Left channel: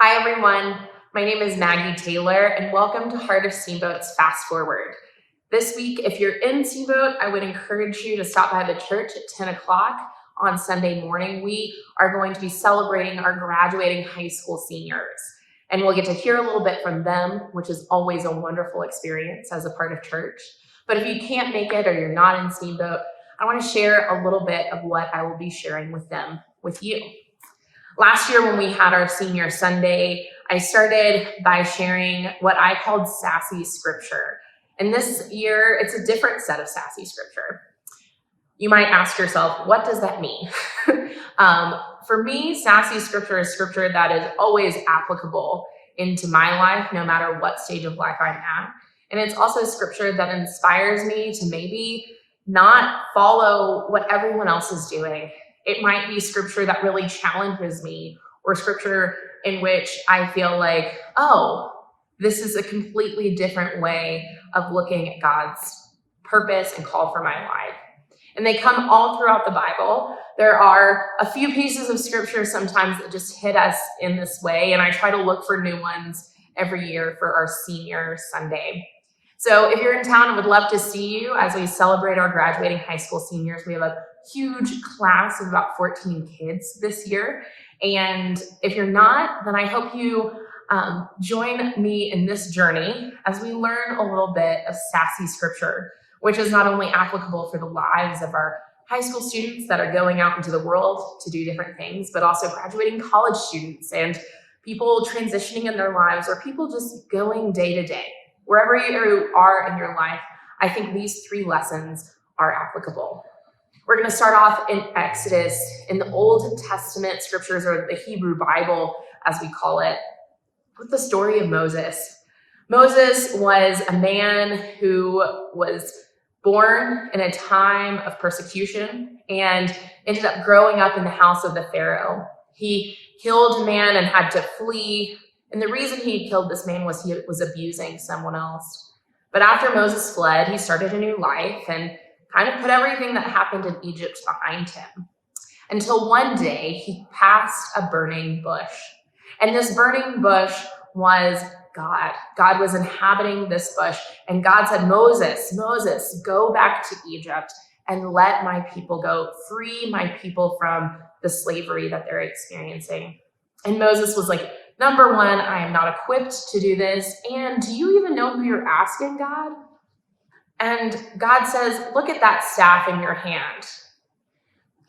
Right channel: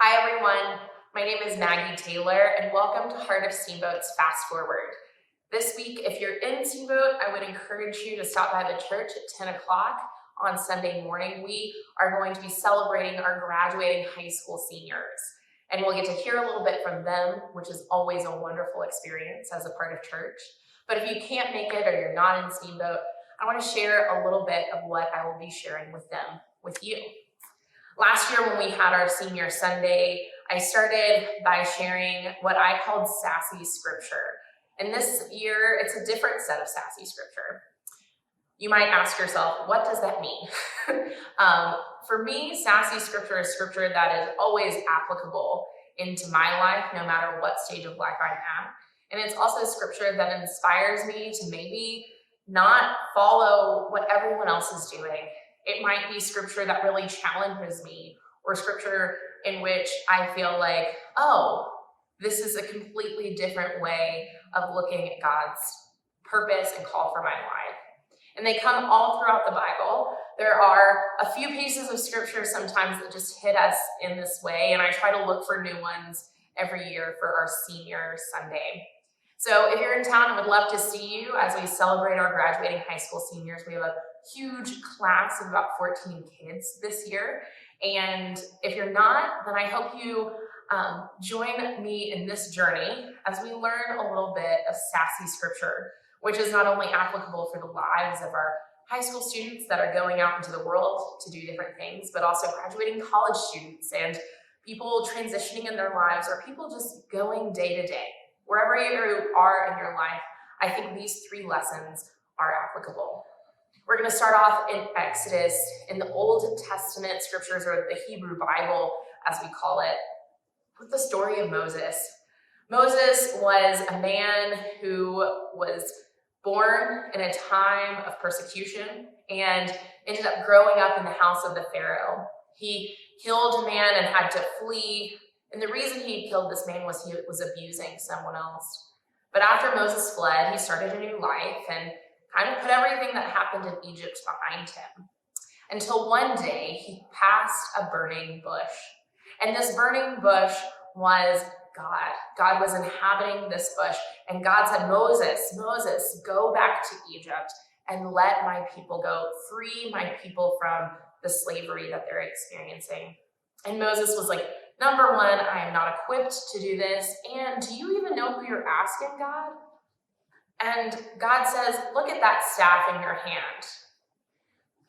Hi, everyone. My name is Maggie Taylor, and welcome to Heart of Steamboat's Fast Forward. This week, if you're in Steamboat, I would encourage you to stop by the church at 10 o'clock on Sunday morning. We are going to be celebrating our graduating high school seniors, and we'll get to hear a little bit from them, which is always a wonderful experience as a part of church. But if you can't make it or you're not in Steamboat, I want to share a little bit of what I will be sharing with them with you. Last year, when we had our senior Sunday, I started by sharing what I called sassy scripture. And this year, it's a different set of sassy scripture. You might ask yourself, what does that mean? For me, sassy scripture is scripture that is always applicable into my life, no matter what stage of life I'm at. And it's also scripture that inspires me to maybe not follow what everyone else is doing. It might be scripture that really challenges me, or scripture in which I feel like, oh, this is a completely different way of looking at God's purpose and call for my life. And they come all throughout the Bible. There are a few pieces of scripture sometimes that just hit us in this way, and I try to look for new ones every year for our senior Sunday. So if you're in town, I would love to see you as we celebrate our graduating high school seniors. We have a huge class of about 14 kids this year. And if you're not, then I hope you join me in this journey as we learn a little bit of sassy scripture, which is not only applicable for the lives of our high school students that are going out into the world to do different things, but also graduating college students and people transitioning in their lives, or people just going day to day. Wherever you are in your life, I think these three lessons are applicable. We're going to start off in Exodus, in the Old Testament scriptures, or the Hebrew Bible, as we call it, with the story of Moses. Moses was a man who was born in a time of persecution and ended up growing up in the house of the Pharaoh. He killed a man and had to flee. And the reason he killed this man was he was abusing someone else. But after Moses fled, he started a new life and kind of put everything that happened in Egypt behind him, until one day he passed a burning bush. And this burning bush was God. God was inhabiting this bush. And God said, Moses, Moses, go back to Egypt and let my people go. Free my people from the slavery that they're experiencing. And Moses was like, number one, I am not equipped to do this. And do you even know who you're asking, God? And God says, look at that staff in your hand.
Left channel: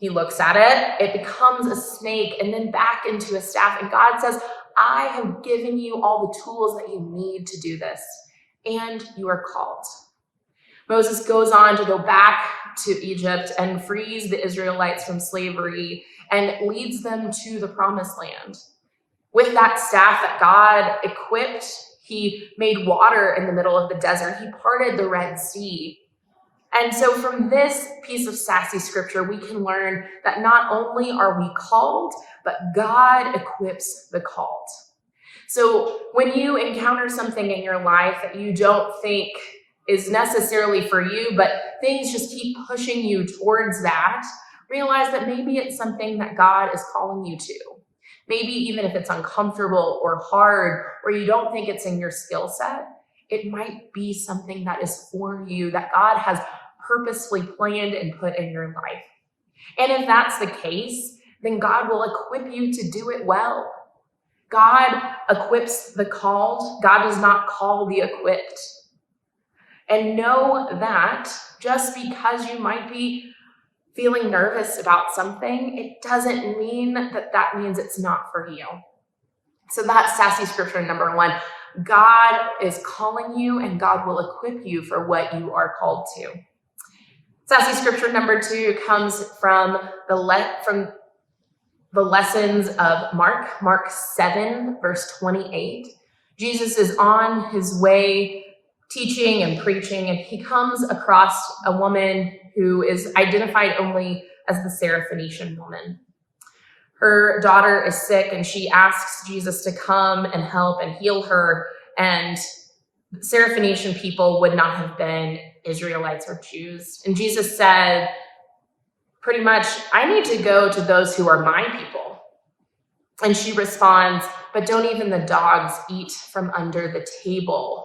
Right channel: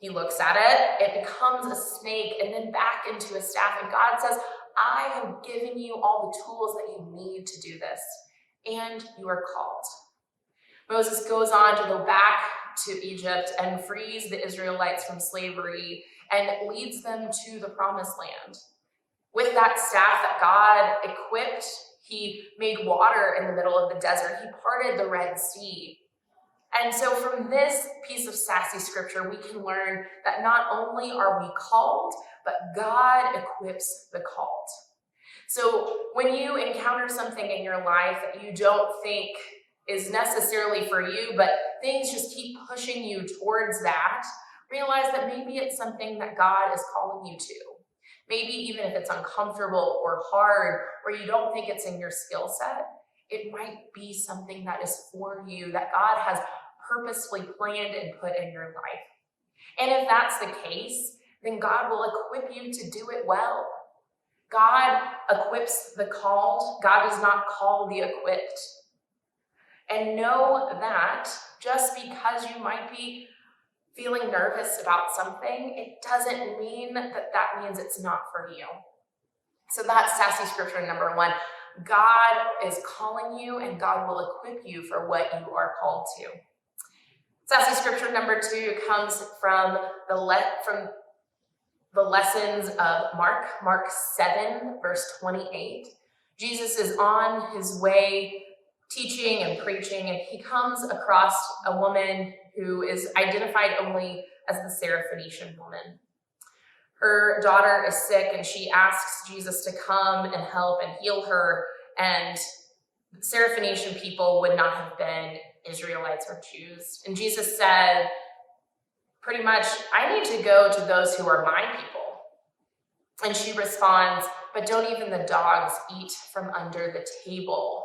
He looks at it, it becomes a snake and then back into a staff. And God says, I have given you all the tools that you need to do this, and you are called. Moses goes on to go back to Egypt and frees the Israelites from slavery and leads them to the promised land. With that staff that God equipped, he made water in the middle of the desert. He parted the Red Sea. And so from this piece of sassy scripture, we can learn that not only are we called, but God equips the called. So when you encounter something in your life that you don't think is necessarily for you, but things just keep pushing you towards that, realize that maybe it's something that God is calling you to. Maybe even if it's uncomfortable or hard, or you don't think it's in your skill set, it might be something that is for you, that God has purposefully planned and put in your life. And if that's the case, then God will equip you to do it well. God equips the called. God does not call the equipped. And know that just because you might be feeling nervous about something, it doesn't mean that that means it's not for you. So that's sassy scripture number one. God is calling you, and God will equip you for what you are called to. Sassy scripture number two comes from the lessons of Mark 7, verse 28. Jesus is on his way teaching and preaching, and he comes across a woman who is identified only as the Syrophoenician woman. Her daughter is sick, and she asks Jesus to come and help and heal her. And Syrophoenician people would not have been Israelites or Jews. And Jesus said, pretty much, I need to go to those who are my people. And she responds, but don't even the dogs eat from under the table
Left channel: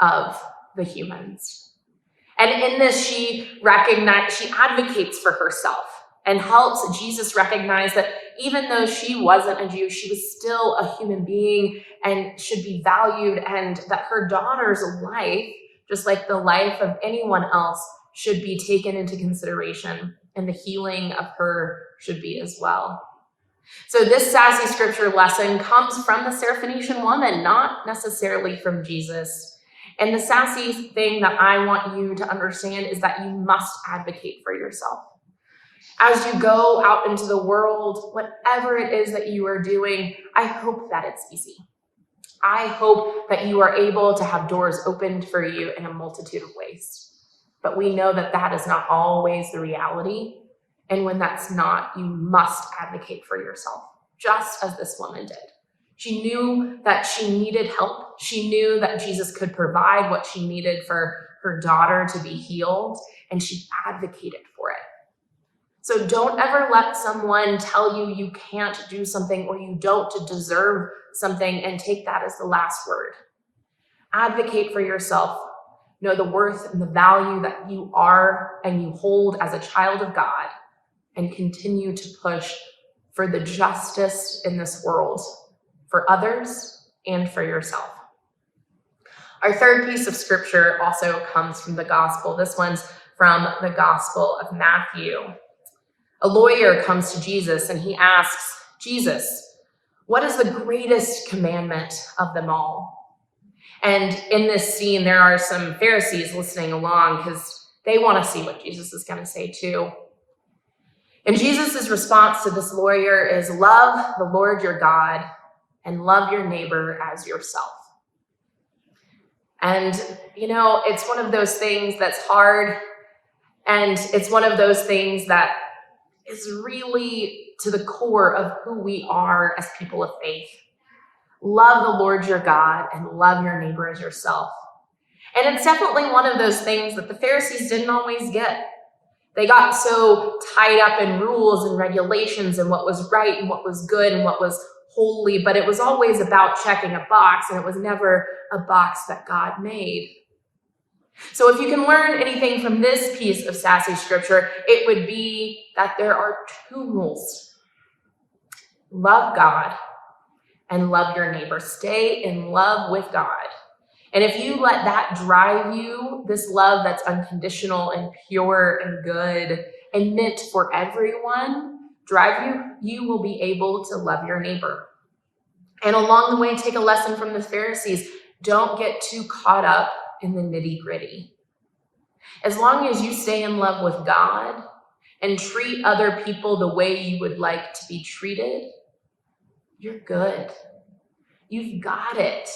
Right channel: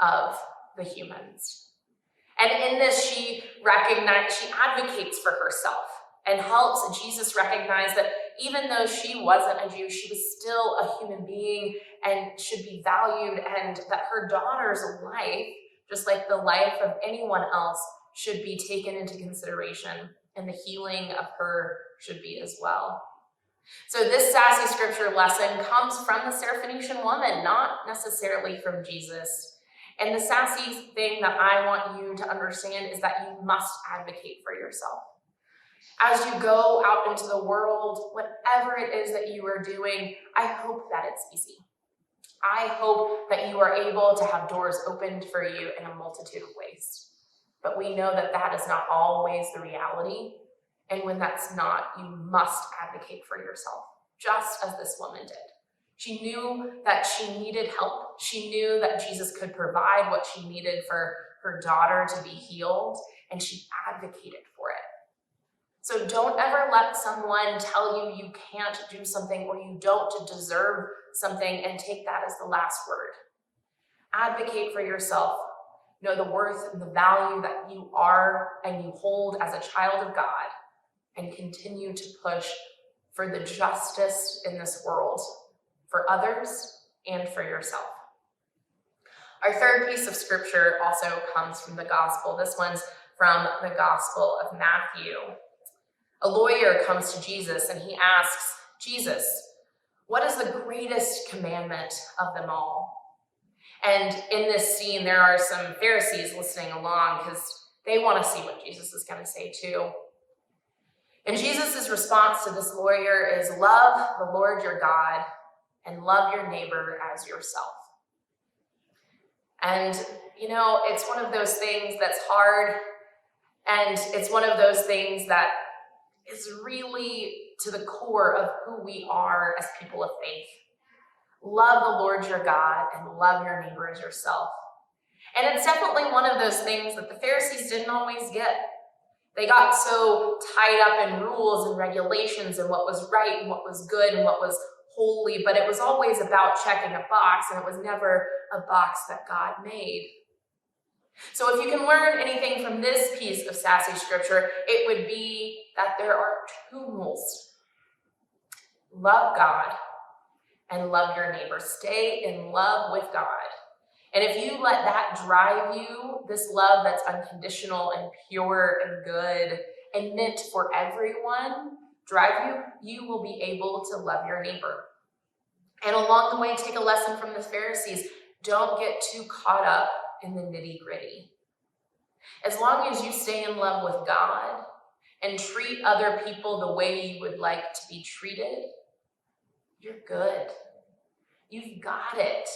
of the humans? And in this, she advocates for herself and helps Jesus recognize that even though she wasn't a Jew, she was still a human being and should be valued, and that her daughter's life, just like the life of anyone else, should be taken into consideration, and the healing of her should be as well. So this sassy scripture lesson comes from the Syrophoenician woman, not necessarily from Jesus. And the sassy thing that I want you to understand is that you must advocate for yourself. As you go out into the world, whatever it is that you are doing, I hope that it's easy. I hope that you are able to have doors opened for you in a multitude of ways. But we know that that is not always the reality. And when that's not, you must advocate for yourself, just as this woman did. She knew that she needed help. She knew that Jesus could provide what she needed for her daughter to be healed, and she advocated for it. So don't ever let someone tell you you can't do something or you don't deserve something and take that as the last word. Advocate for yourself. Know the worth and the value that you are and you hold as a child of God, and continue to push for the justice in this world, for others and for yourself. Our third piece of scripture also comes from the gospel. This one's from the Gospel of Matthew. A lawyer comes to Jesus and he asks, Jesus, what is the greatest commandment of them all? And in this scene, there are some Pharisees listening along because they want to see what Jesus is going to say too. And Jesus' response to this lawyer is, love the Lord your God and love your neighbor as yourself. And, it's one of those things that's hard, and it's one of those things that is really to the core of who we are as people of faith. Love the Lord your God and love your neighbor as yourself. And it's definitely one of those things that the Pharisees didn't always get. They got so tied up in rules and regulations and what was right and what was good and what was holy, but it was always about checking a box, and it was never a box that God made. So if you can learn anything from this piece of sassy scripture, it would be that there are two rules. Love God and love your neighbor. Stay in love with God. And if you let that drive you, this love that's unconditional and pure and good and meant for everyone, drive you, you will be able to love your neighbor. And along the way, take a lesson from the Pharisees. Don't get too caught up in the nitty-gritty. As long as you stay in love with God and treat other people the way you would like to be treated, you're good. You've got it.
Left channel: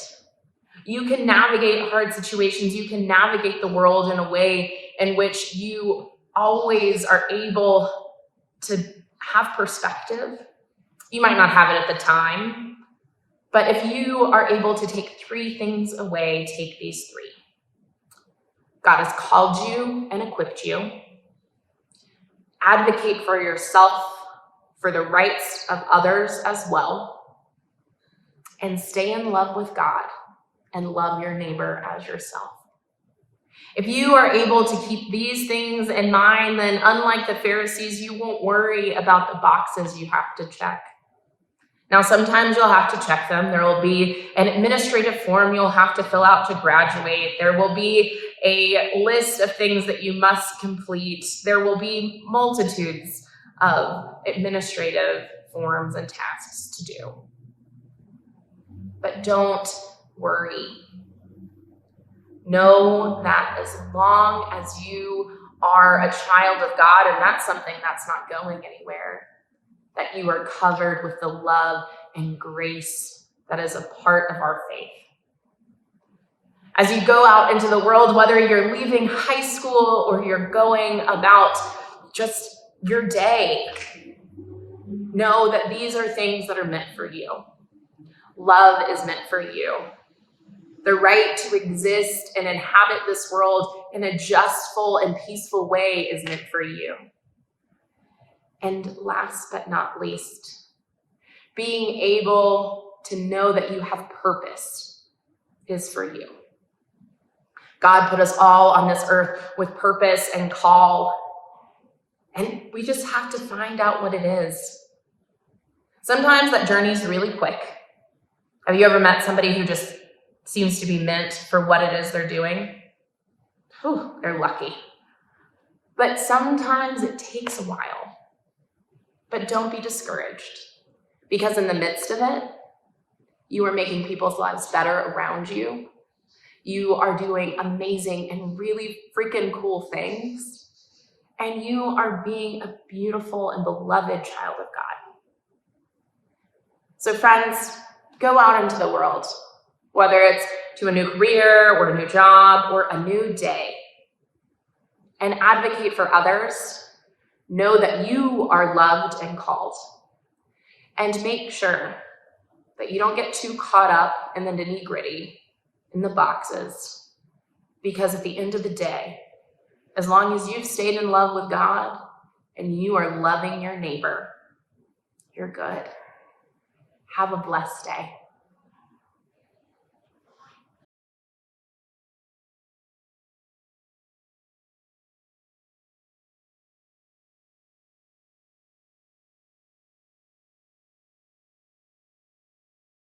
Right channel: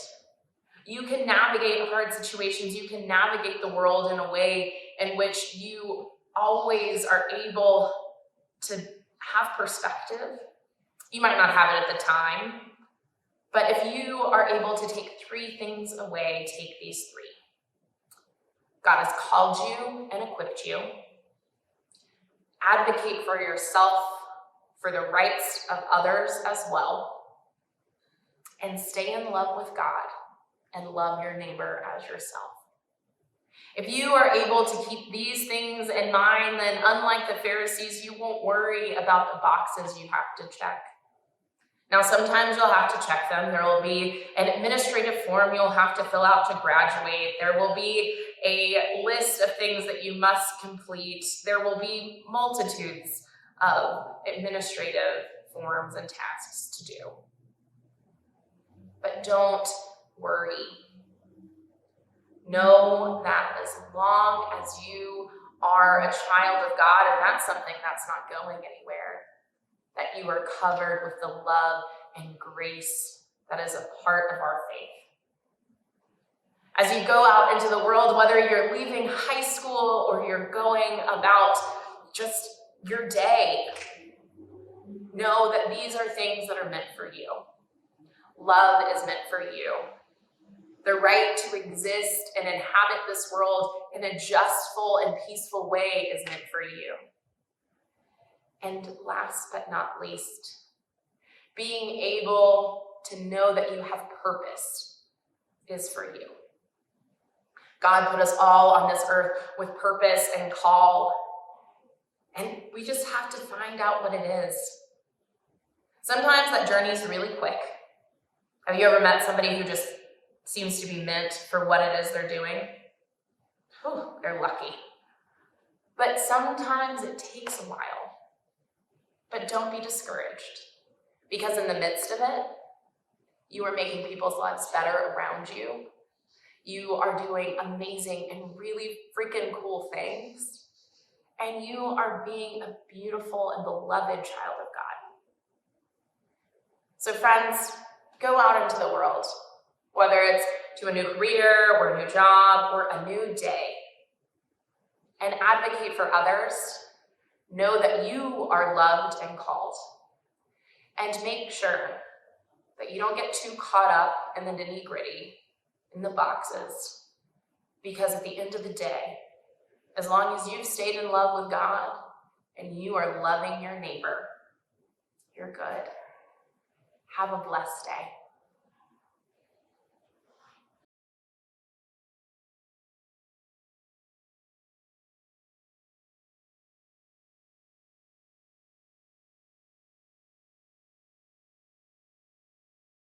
You can navigate hard situations. You can navigate the world in a way in which you always are able to have perspective. You might not have it at the time, but if you are able to take three things away, take these three. God has called you and equipped you. Advocate for yourself, for the rights of others as well. And stay in love with God and love your neighbor as yourself. If you are able to keep these things in mind, then unlike the Pharisees, you won't worry about the boxes you have to check. Now, sometimes you'll have to check them. There will be an administrative form you'll have to fill out to graduate. There will be a list of things that you must complete. There will be multitudes of administrative forms and tasks to do. But don't worry. Know that as long as you are a child of God, and that's something that's not going anywhere, that you are covered with the love and grace that is a part of our faith. As you go out into the world, whether you're leaving high school or you're going about just your day, know that these are things that are meant for you. Love is meant for you. The right to exist and inhabit this world in a justful and peaceful way is meant for you. And last but not least, being able to know that you have purpose is for you. God put us all on this earth with purpose and call, and we just have to find out what it is. Sometimes that journey is really quick. Have you ever met somebody who just seems to be meant for what it is they're doing? Whew, they're lucky. But sometimes it takes a while. But don't be discouraged, because in the midst of it, you are making people's lives better around you. You are doing amazing and really freaking cool things. And you are being a beautiful and beloved child of God. So friends, go out into the world, whether it's to a new career or a new job or a new day, and advocate for others. Know that you are loved and called. And make sure that you don't get too caught up in the nitty-gritty, in the boxes, because at the end of the day, as long as you've stayed in love with God and you are loving your neighbor, you're good. Have a blessed day.